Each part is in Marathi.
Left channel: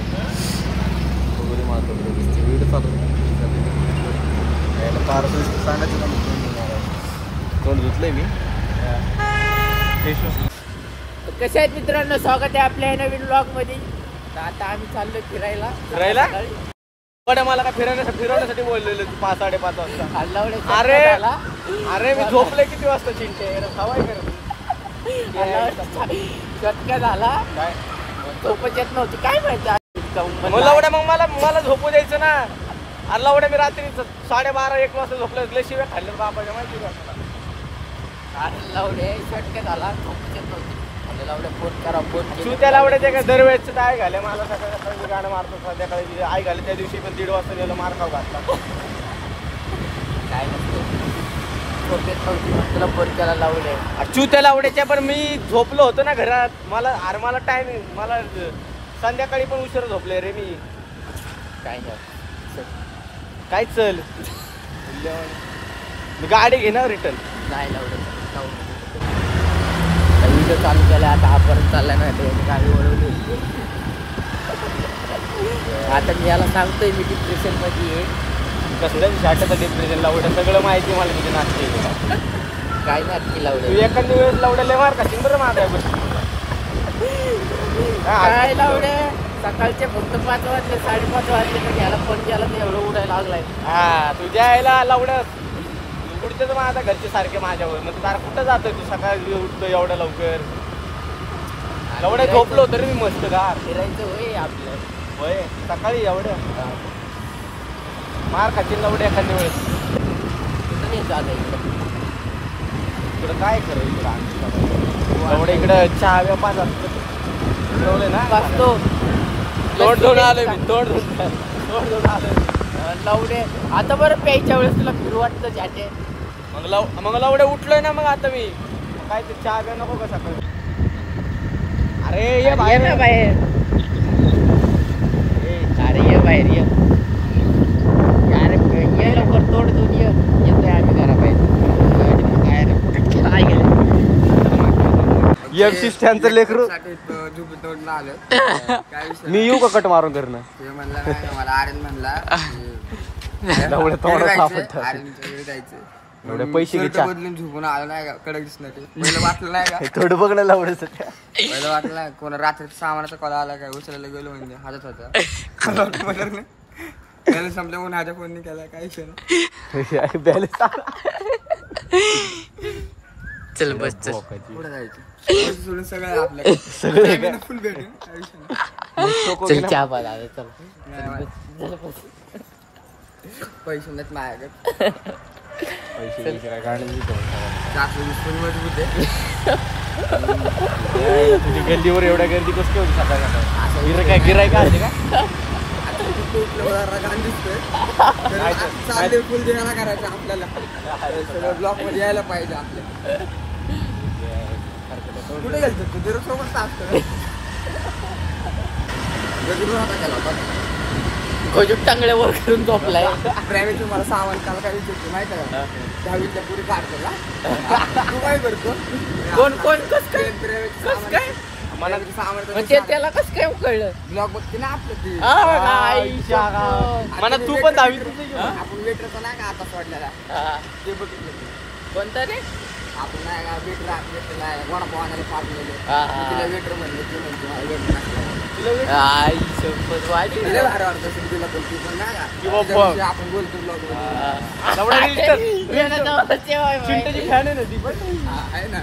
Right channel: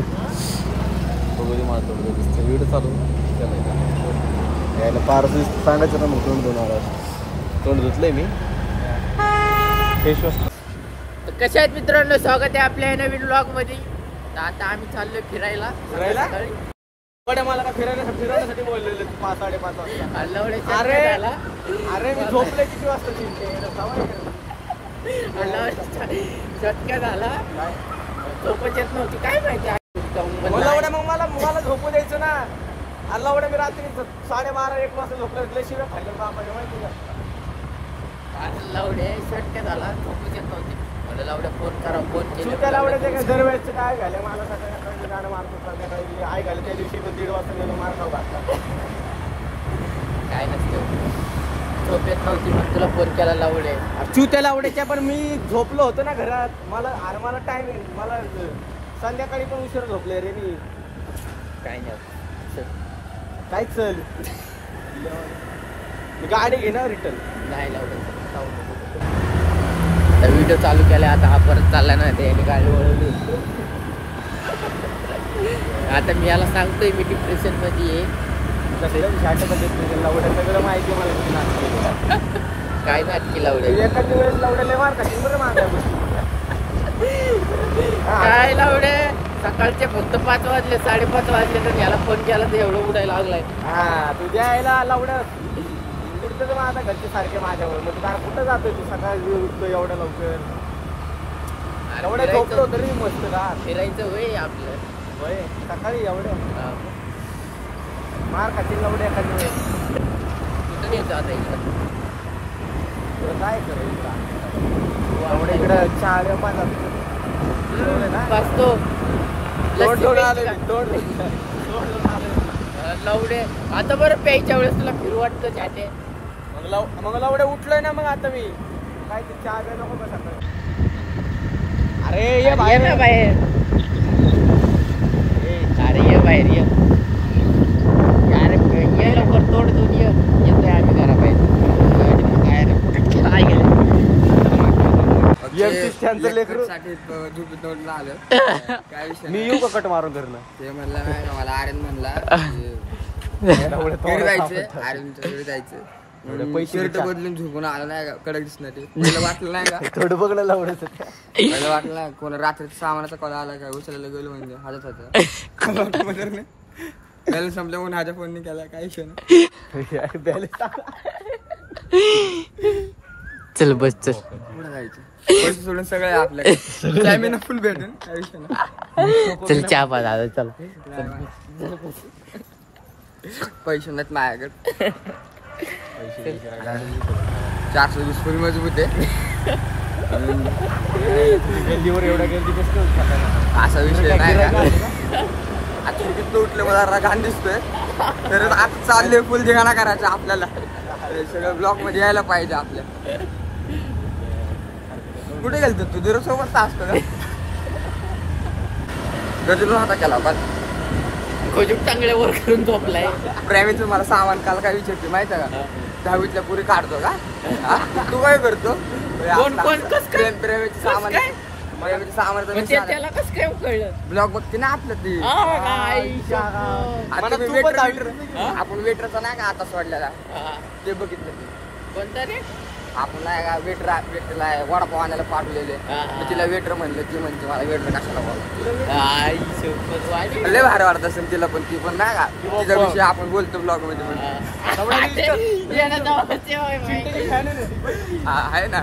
बघू मला व्हिडिओ चालू केला पार सांगायचं ना मी तोंड धुतलंय मी फेसवॉश. कशा आहेत मित्रांनो, स्वागत आहे आपल्या नवीन ब्लॉग मध्ये. आता आम्ही चाललोय फिरायला. मला का फिरवण्यासाठी बोललेले 5-5:30 वाजता. अल्लावड्याच्या झाला. अरे मी झोपले किती वाजता चटका झाला. झोपच येत नव्हती काय माहिती. मग मला झोपू द्यायचं ना. अल्लावड्या मी रात्री 12:30-1 वाजता झोपले. शिवाय खाल्लं बाबा. अल्लावड्या चटका झाला. झोपच येत नव्हती. लावड्या फोन करा. फोन केली त्या लावड्या ते दरवेळेस काय घालं मला सकाळी गाणं मारतो. संध्याकाळी आई घाले त्या दिवशी पण 1:30 वाजता गेलो मार खाऊ घातला. काय नसतं झोप येत नव्हती पण तुला फोन केला लावड्या. त्या लावड्याच्या पण मी झोपलो होतो ना घरात. मला टाइम मला संध्याकाळी पण उशीर झोपले रे मी. काय नाही काय चल गाडी घेणार रिटर्न नाही लावड्या. व्हिडिओ चालू केला. आता हा परत चालला ना त्याने गाडी वळवली. आता मी याला सांगतोय मी डिप्रेशन मध्ये आहे. डिप्रेशन लावडे सगळं माहिती मला. काय नाटकी लावडे एखाद्या वेळेस लावडे मार का सिंगर मार काय लावडे. सकाळचे फक्त 5 वाजले 5:30 वाजले तर याला फोन केला तर एवढं उठायला लागलाय. हा तुझ्या यायला लावडं कुठं माझा घरचे सारखे माझ्यावर. मग फार कुठं जातोय तू सकाळी उठतो एवढ्या लवकर. एवढं झोपलो तरी मी मस्त का फिरायचं वय आपलं वय सकाळी एवढं मार खातील लावडे एखाद्या वेळेस. कुठं नाही जात इकडं. काय करायचं इकडे चहा बसतो लावडे. आता बरं प्यायच्या वेळेस तुला फिरू वाटतं झाटे. मग लावडे उठलोय ना. मग आता मी काय ते चहा प्या नको का सकाळी. अरे ये बाहेर ना बाहेर. अरे ये बाहेर ये. ये लवकर तोड दोन येतोय आम्ही घराबाहेर. काय गेलं लेकरू तोडलं आलं. काय विषय मी येऊ का कट मारून करणं. ते म्हणला नाही मला आर्यन म्हणला आर्यनच्या जायचं. पैसे बदलून झोपून आलो नाही का. कडक दिसणार ते पहिलं वाटलं नाही का. थोडं बघणं लावडच पहिलं वाटलं नाही. कोणा रात्री सामानाचा कॉल आला काय उचलायला गेलो म्हणजे हातात होता. बॅलन्स संपल्या म्हणून हाच्या फोन केला. काय विषय नाही. चल बस चल पुढे जायचं. पैसे सोडून सगळे आपल्याकडे फुल भेटेल. काय विषय नाही. चहा बघा चल. पैसे नाहीत माझ्याकडे. 420 फुल मजबूत आहे. गर्दीवर एवढ्या गर्दी कसं असा विषय आता उठलं मला घाण दिसतोय. तर आता चालले फुल धिंगाणा करायचा आपल्याला. सगळं ब्लॉक मध्ये यायला पाहिजे आपल्या. कुठे गेलतो तू दर सोबत असतो गजून होता केला पण खोजूक चांगल्या वर करून झोपलाय. प्रेमीचं मला सामान काल काय विचारते माहिती आहे का. 10वीतल्या पुरी काढतो का तू काय करतो. कोण कोण कस काय प्रेमीचं सामान प्रेमीचं सामान त्याला कस काय कळलं. ब्लॉग बघते ना आपलं ती. आपण वेटरचा नाही का आता सोडलेला ते बघितलं. कोणता रे. आपण नाही का वेटरला वडापाव आणायला पाठवलेले. तिला वेटर म्हणले. ती म्हणते मला वेटर टाकला. लय भारी वाटत असेल तिला पण. ती पण नाही का तिच्याविषयी आपण बोलतो ब्लॉग मध्ये. आहे ना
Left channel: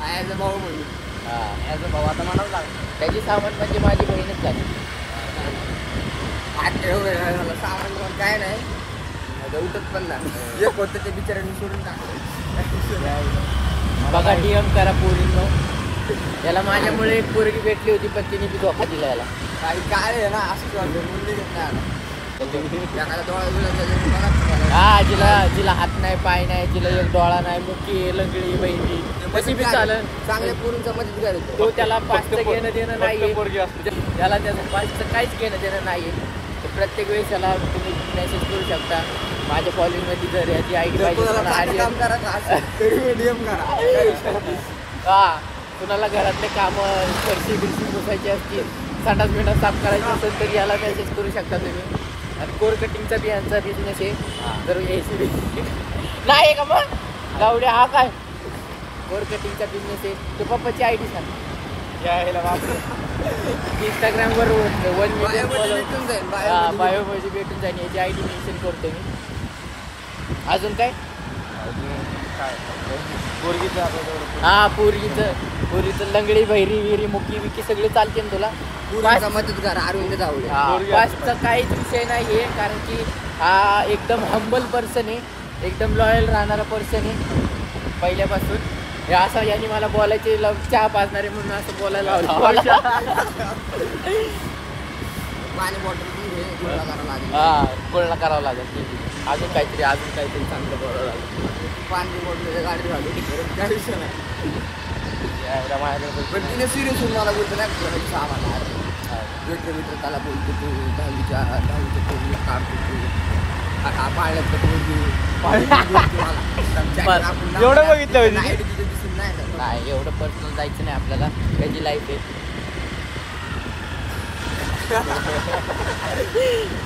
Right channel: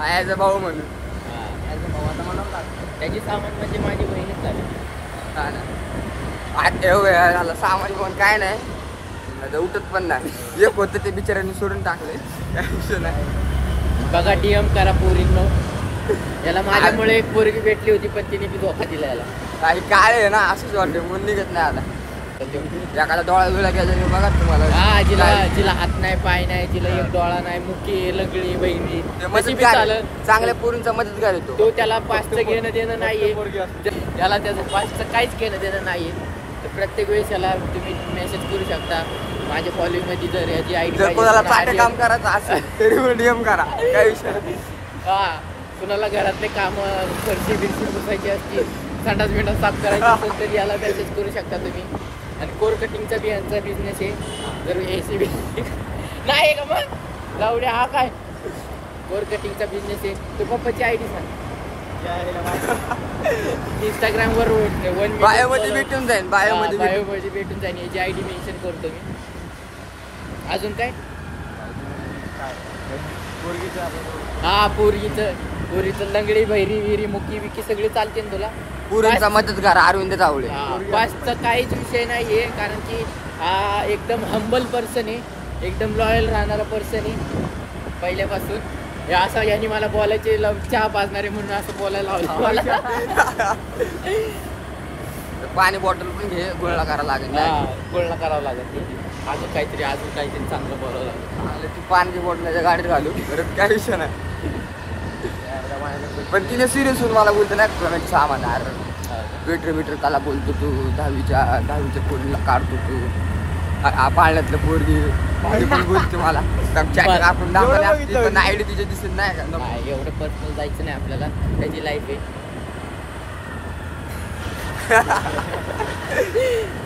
आयाचा भाऊ म्हणून. त्याची सामान म्हणजे माझी बहीणच झाली. आज झालं सामान पण काय नाही. उठत पण नाही. एक होतं ते बिचाऱ्यांनी सोडून टाकले. बघा डीएम करा पोरींनो. याला माझ्यामुळे एक पोरगी भेटली होती पण तिने धोका दिला याला. काही काय आहे ना असंच वाटतं म्हणून निघत नाही आता. एखादा डोळा वेळा गेला बघा तुम्हाला. हा जिला हात नाही पाय नाही. जिला एक डोळा नाही. मुठी लंगडी बहिणी कशी बी चालत. चांगल्या पोरींचा मदत करायचो. तो त्याला 5चं घेणं देणं नाहीये. त्याला त्याचं 5चं काहीच घेणं देणं नाहीये. प्रत्येक वेळेस याला तुम्ही मेसेज करू शकता. माझ्या फॉलोइंग मध्ये जर याची आयडी पाहिजे काम करायचं असेल तरी डीएम करा. काही हा कुणाला घरातले काम फरशी बिरशी पुसायची असतील संडास बिंडास साफ करायचं असेल तर याला मेसेज करू शकता तुम्ही. आणि कोर कटिंगचा बियांचा बिझनेस आहे. जर AC नाही का मग लावड्या हा काय कोर कटिंगचा बिझनेस आहे. तो पप्पाची ID सांग. Instagram वर 1 बायोमध्ये भेटून जाईल. बायोमध्ये भेटून जाईल. याची ID मेन्शन करतो मी. अजून काय हा पोरीचं लंगडी भैरी विहिरी मुकी विकी सगळे चालते ना तुला. पुरीचा मदतगार अरविंद तावडे. पाचचा काहीच विषय नाहीये कारण की हा एकदम हंबल पर्सन आहे. एकदम लॉयल राहणारा पर्सन आहे पहिल्यापासून. हे असं यांनी मला बोलायचे चहा पाजणारे म्हणून असं बोलायला लावलं मला. पाणी बॉटल पण घे गुळला करावं लागेल. पूर्ण करावं लागेल. अजून काहीतरी चांगलं बोलावं लागेल. पाणी बॉटलच्या गाडीत घालू परत काय विषय नाही. पण तिने सिरियस होऊन मला बोलतो नाही कोणाची सामान वेटर त्याला बोलतो तू 10वीच्या पोरीला काढतो तू पाळण्यातलं पोरगी बोलतो मला. आयडी तिच्या दिसून नाही का काय एवढं पर्सनल जायचं नाही आपल्याला. त्याची लाईफ आहे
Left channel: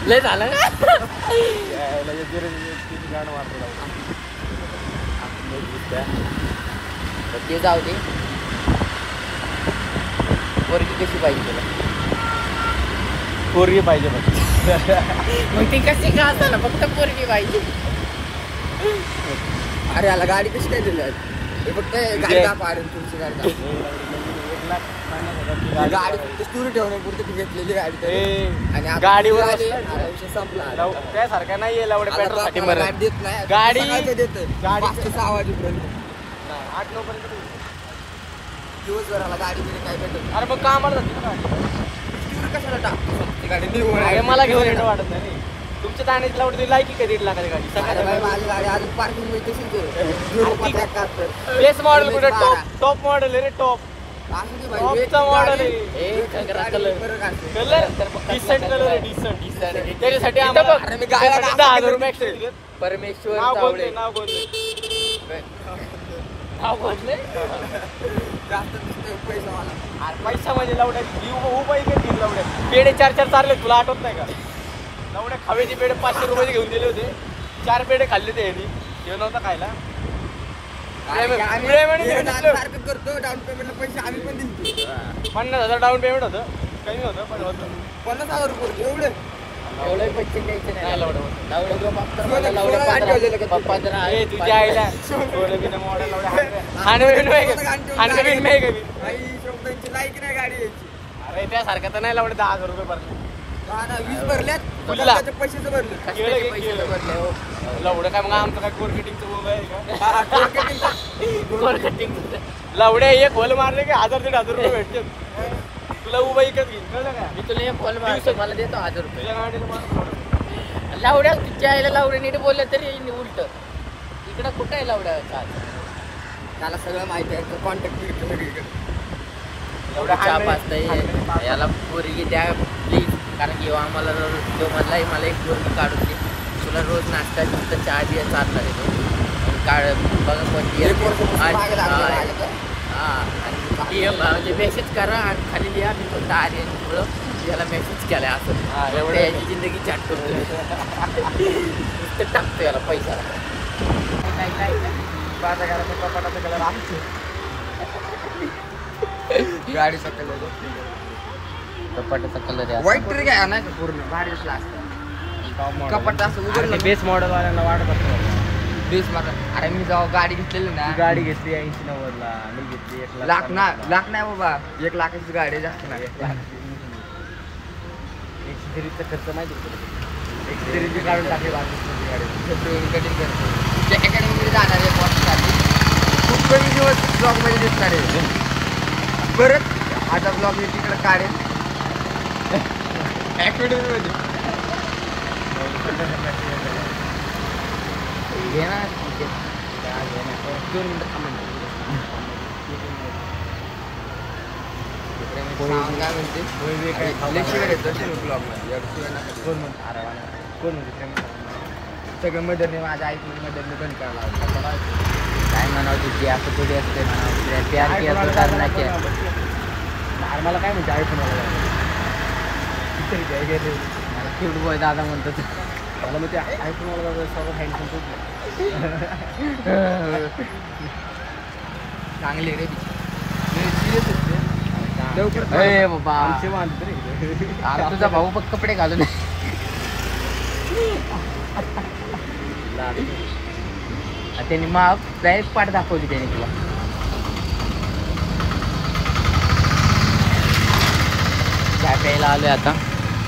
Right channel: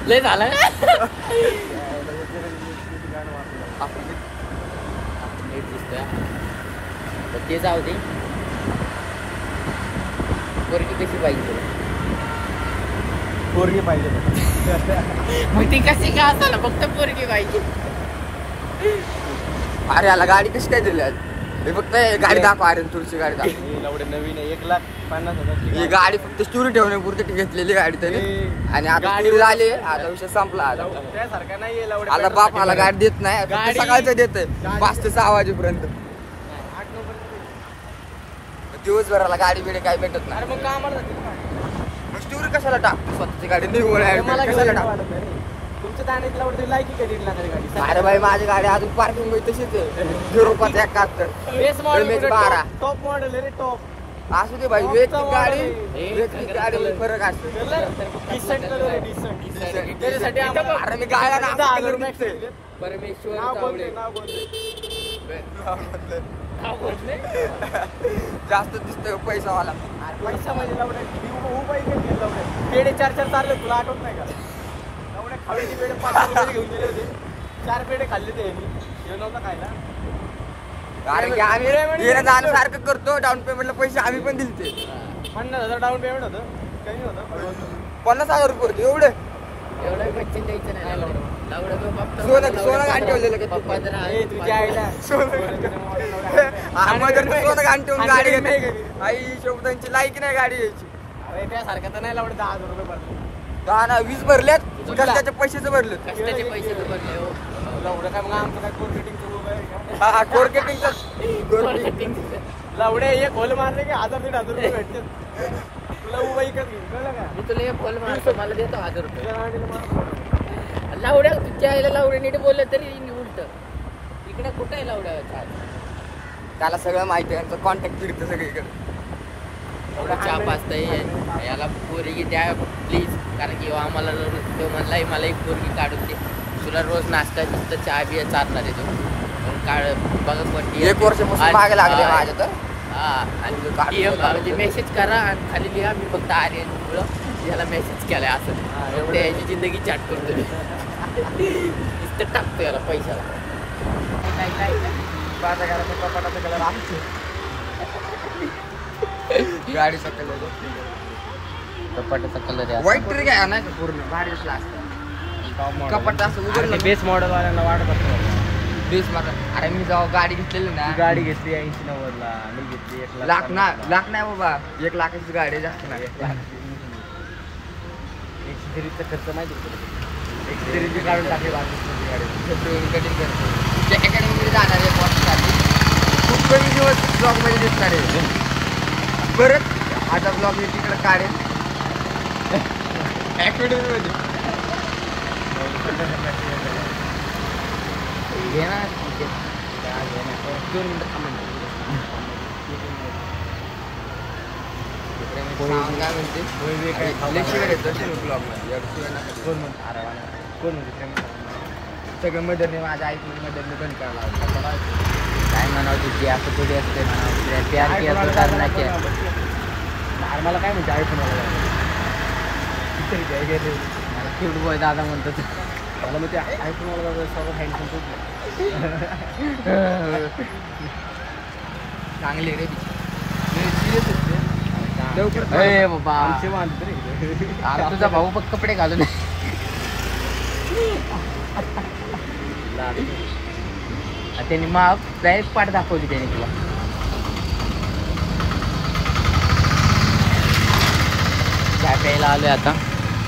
लय झालं. ते जाऊ दे. पोरगी कशी पाहिजे तुला? पोरगी पाहिजे मग ती कशी का असायला फक्त पोरगी पाहिजे. अरे याला गाडी कशी काय दिली हे फक्त गाडी दाखव. अरे तुमची गाडी दाखव. ही गाडी फक्त स्टोरी ठेवण्यापुरती घेतलेली गाडी तरी. आणि आता गाडी आली विषय संपला. त्यासारखा नाही आता बापाला गाडी देत नाही. गाडी सकाळचं देत 5 ते 6 वाजेपर्यंत. 8-9 पर्यंत दिवसभराला गाडी बिडे काय भेटत नाही. अरे मग कामाला स्टोरी कशाला टाकतो स्वतःची गाडी निवड तुमच्या दाण्याची लावडी लायकी काय 1.5 लाखाची गाडी. अरे भाई माझी गाडी अजून पार्किंग मध्ये तशीच आहे. 0.71. Base model 12. टॉप मॉडेल आहे रे टॉप. असू दे भाई वेगळी गाडी फरक असतो. अरे मी गायला परमेश्वर जास्त दिसतोय पैसावाला. पैसा म्हणजे लावड्या पेढे 4-4 चालले तुला आठवत नाही का? लावड्या खाव्याचे पेढे 500 रुपये घेऊन दिले होते. 4 पेढे खाल्ले ते यांनी. हे नव्हता खायला. आम्ही सारखं करतो. डाऊन पेमेंटला पैसे आम्ही पण दिले. 50,000 डाऊन पेमेंट होतं. काही नव्हतं. 50,000 रुपये होते. एवढं पैसे द्यायचे नाही. शोभतांची लायकी नाही गाडी यायची. अरे त्यासारखं तर नाही लावडे 10,000 रुपये भरले. 20 भरलेत. त्याच्या पैशाचं भरले. कष्टाचे पैसे तर भरले हो. लावडे काय मग आमचं काय कोर्केटिंगचं बोल कोर्केटिंग लावड्या एक होल मारले की 1,000-1,500 रुपये भेटते. तुला उभा इकत घेईन कळलं का? मी तुला एक कॉल मारतो मला देतो 1,000 रुपये. लावड्या तुझ्या आईला लावड्या नीट बोललं तरी उलट इकडं कुठं आहे लावड्या काय त्याला सगळं माहिती आहे. कॉन्टॅक्ट फिरतो सगळीकडे. चहा पाचताय याला पोरगी द्या प्लीज. कारण की आम्हाला तो म्हणलाय मला एक पोरगी काढून दे. तुला रोज नाश्ता तिथं चहा बिया चालणार आहे तो काढ बघा कोणती. आणि म्हणजे मेसेज करा आणि खाली लिहा मी फक्त आर्यन मुळे याला मेसेज केलाय असं. त्याची जिंदगी चाट करतो नुसतं टाकतो याला पैशाला. माझ्या घराचा कपाटाचा कलर आमचे गाडीचा कलर कपाटाचा कलर आहे व्हाईट तरी काय नाही का पूर्ण भारी दिसला असतं. कपाट असं उघडलं बेस मॉडेल वाल्यांना वाटत असतं. बेस मार. अरे मी जेव्हा गाडी घेतलेली ना गाडी घेतली 80-90 ला. मी घेतली 1 लाख नाही बाबा. 1 लाखाची गाडी जास्त नाही. एक्सपिरीचा खर्च माहिती आहे. एक्सपिरीची काढून टाकली गाडी. कटिंग करतो. अकॅडमीमध्ये जाणार आहे बॉससाठी. खूप कमी दिवस ब्लॉगमध्ये दिसणार आहे. परत आता ब्लॉग मी तिकडे काढेल अकॅडमीमध्ये. घे ना 2 मिनिटं थांबा. काय म्हणते ब्लॉगमध्ये सगळं मदरने माझ्या आईक मदरने बंद करायला लावलं. काय म्हणावं तुझी असं थोडी असते म्हणावं. प्यार केला तर नाही केला. मला काय म्हणते आयफोन क्यूट बॉय दादा म्हणतो मला मग ते ऐकून मला सर्व हँडसम तुटलं. चांगले रे लवकर ए बाबा आमचे मानत रे. अरे तुझा भाऊ बघ कपडे घालून त्यांनी मग डायरेक्ट पाठ दाखवली त्याने तुला. चहा प्यायला आलोय आता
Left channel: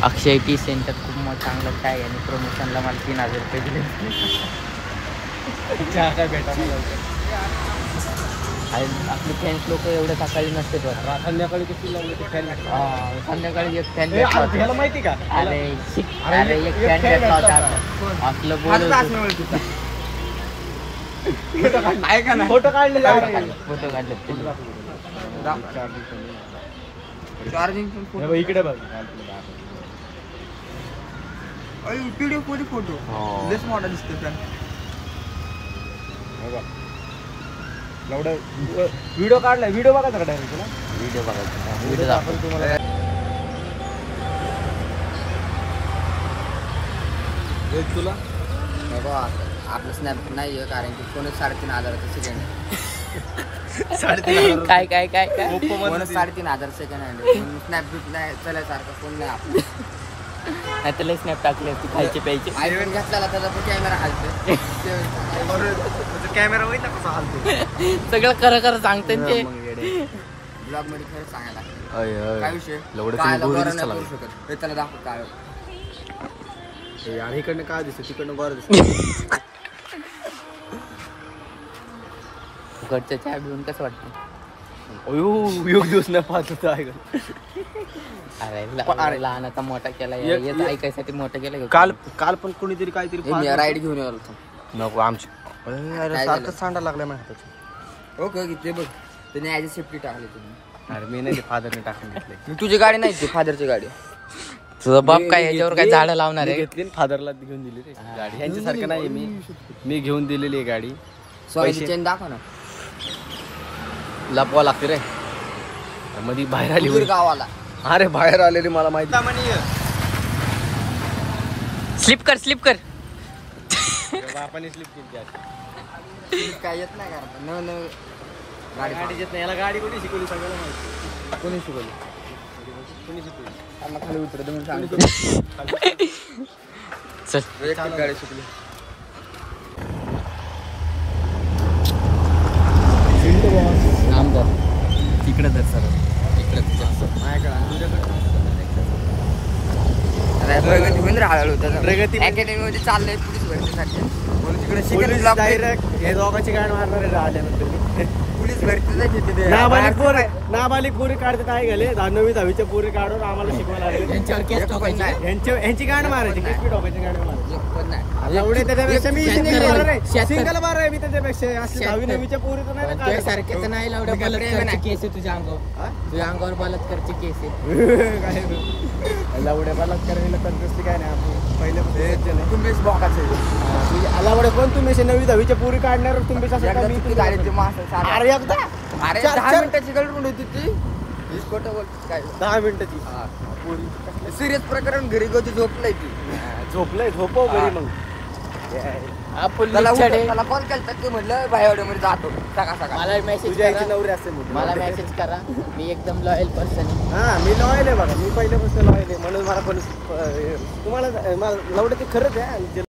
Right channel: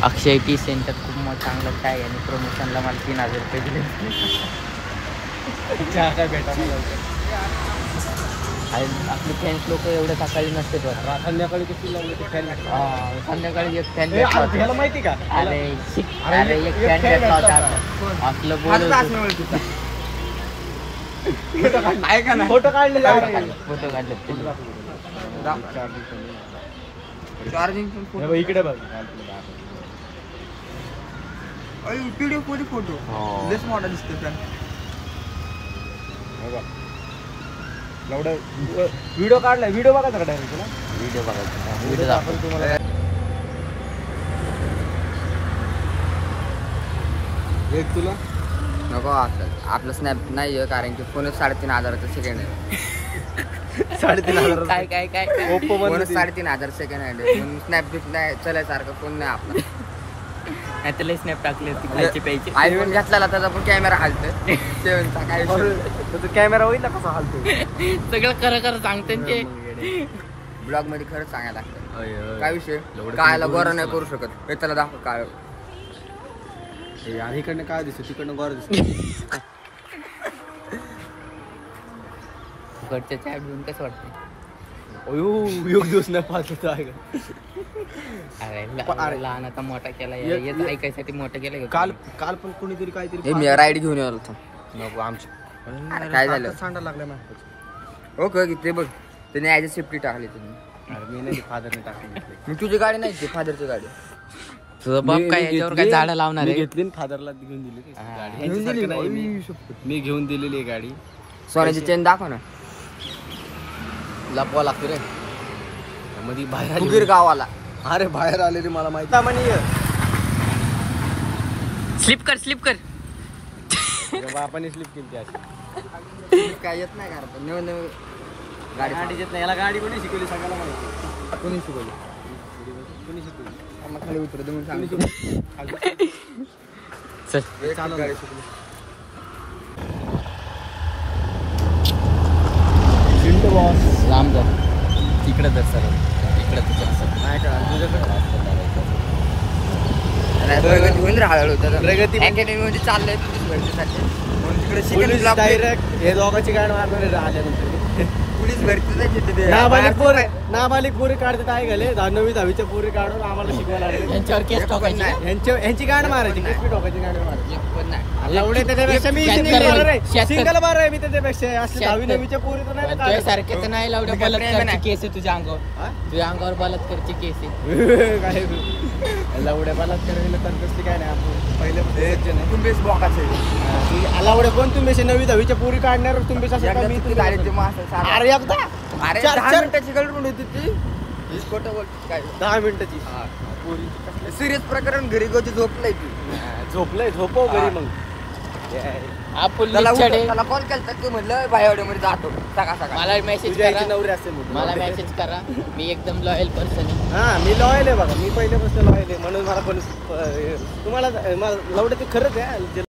अक्षय टी सेंटर. खूप चांगलं चाय आणि प्रमोशनला मला 3000 रुपये दिले. चहा काय भेटायला लवकर. आपले फॅन्स लोक एवढे सकाळी नसते बघ. संध्याकाळी किती लावले ते फॅन. संध्याकाळी एक फॅन ह्याला माहिती का? अरे अरे एक फॅन भेटला होता असलं बोलत ऐका ना फोटो काढले फोटो काढले चार्जिंग इकडे बघ. व्हिडिओ कोणी फोटो लेस मॉडेल दिसते फॅन. व्हिडिओ काढलाय. व्हिडिओ बघायचा का डायरेक्ट तुला? व्हिडिओ बघायचा व्हिडिओ दाखवतो तुम्हाला. एक तुला नको आपलं स्नॅप नाही आहे कारण की फोनच 3500 सेकंड आहे. काय काय काय फोनच 3500 सेकंड आहे म्हणून स्नॅप बिप नाही चलायसारखं फोन नाही आपला. नाही त्याला स्नॅप टाकले खायचे प्यायचे. आयफोन घेतलेला त्याचा पण कॅमेरा हालतोय. कॅमेरा होईल ना कसा हालतो. सगळं खरं खरं सांगते ते. ब्लॉग मध्ये खरंच सांगायला लागतं. काय विषय कायला बरं नाही करू शकत हे त्याला दाखव काय यार इकडनं काय दिसत तिकडनं बरं दिसत. घरच्या चहा घेऊन कसं वाटतं? योग दिवस नाही पाहत आहे. अरे लहानाचा मोठा केला येत ऐकायसाठी मोठा केला. काल पण कोणीतरी काहीतरी मी राईड घेऊन आलो होतो. नको आमची काय झालं? सांडा लागलाय माहिती. ओके ते बघ त्याने ॲज अ सेफ्टी टाकली तुम्ही. अरे मी नाही फादरने टाकून घेतले. मग तुझी गाडी नाही ती फादरची गाडी. तुझा बाप काय याच्यावर काय झाडं लावणार आहे? घेतली फादरला घेऊन दिली रे गाडी. यांच्यासारखं नाही मी घेऊन दिलेली आहे गाडी. सोन्याची चेन दाखव ना. लपवा लागते रे मध्ये बाहेर आली. उदगीर गावाला. अरे बाहेर आलेली मला माहिती. सामान्य स्लिप कर स्लिप कर. आपण स्लिप केली त्याची. काय येत नाही करता न गाडी गाडी येत नाही. याला गाडी कोणी शिकवली सांगायला माहिती. कोणी शिकवली? कोणी शिकवली? आम्हाला खाली उतरत म्हणून सांगतो. चल गाडी शिकली. लांब कर तिकडे तर सर इकडे माझ्याकडे आणि तुझ्याकडे प्रगती होईल रे हळूहळू. प्रगती अकॅडमी मध्ये चाललंय पोलीस भरतीसाठी म्हणून तिकडे पोलीस डायरेक्ट हे दोघांची गाडी मारणार आहे आल्यानंतर. पोलीस भरती नाबालिक पोरी काढतात आहे गेले 9वी 10वीच्या पोरी काढून आम्हाला शिकवायला लागले. यांच्यावर केस टाकायची. यांची गाडी मारायची. केस ठोकायची गाडी मारायची. पण नाही एवढे त्याच्यापेक्षा मी शेतकरी- सिंगल बार आहे. मी त्याच्यापेक्षा असं 10वी 9वीच्या पोरी तर नाही ना तुझ्या सारखे तर नाही लावड्या बलात्कारची केस आहे तुझ्या अंगावर. तुझ्या अंगावर बलात्कारची केस आहे. काय लावड्या बलात्कार तर कसली काय नाही. आपण पहिले तुम्ही बॉकाचे लावडे कोण तुम्ही 9वी 10वीच्या पोरी काढणार तुम्ही कसं काय? मी गाडीची माणसं अरे एकदा अरे 10 मिनिटाची गडबड होती ती. खोटं बोलते काय 10 मिनिटाची सिरियस प्रकरण घरी गोची झोपलाय ती. झोपलंय. झोपव घरी मग. हा पोलीस त्याला छडे. त्याला कॉल केला ते म्हणलं भाईवाड्यामध्ये जातो सकाळ सकाळ. मला मेसेज तुझ्या करा. नवरी असेल म्हणून. मला मेसेज करा. मी एकदम लॉयल पर्सन आहे. हा मी लॉयल आहे बघा. मी पहिल्यापासून लॉयल आहे म्हणून मला पण तुम्हाला लवडे ते खरंच आहे.